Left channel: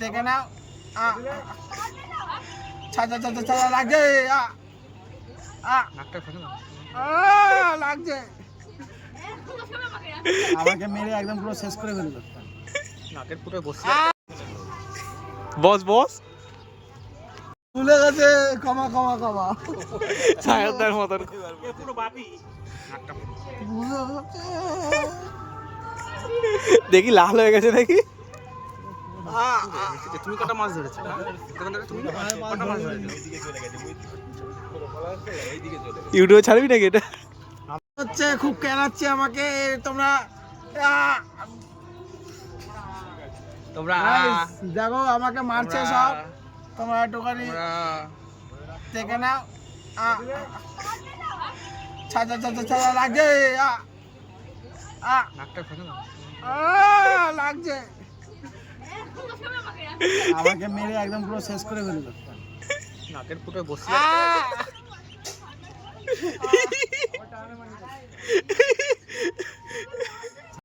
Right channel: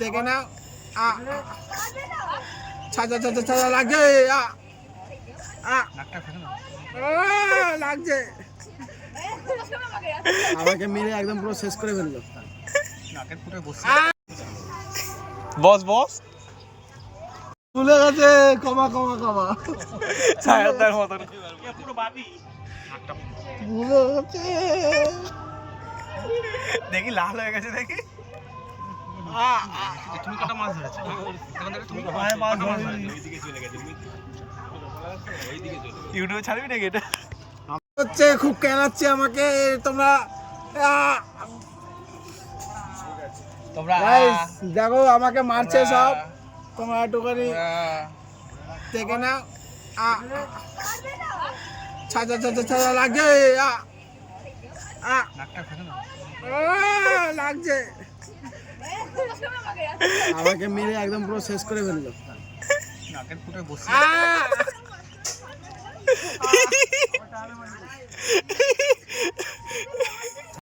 দেখে নাও। ছাড়া ছাড়া ছাড়া লাগছে। লাগছে, আমাকে মেরে একদম পুরো শেষ করে ফেললো। বস বস ভুলে গেছে, কমা কমা কমা ছায়াদার মতন ভুলে গেছে। দেখি লাল হয়ে গেছে দেখি। তুমি কত মাছ ধরেছো? ইউটিউবে ছাড়বি নাকি এটা? হচ্ছে খুব কেনাচ্ছে আমাকে তোমরা। Guys, দেখো আমাকে মারছে সব, তোমরা একটুখানি দেখে নাও। ছাড়া ছাড়া ছাড়া লাগছে। লাগছে, আমাকে মেরে একদম পুরো শেষ করে ফেললো। নাকের ফুটে বসে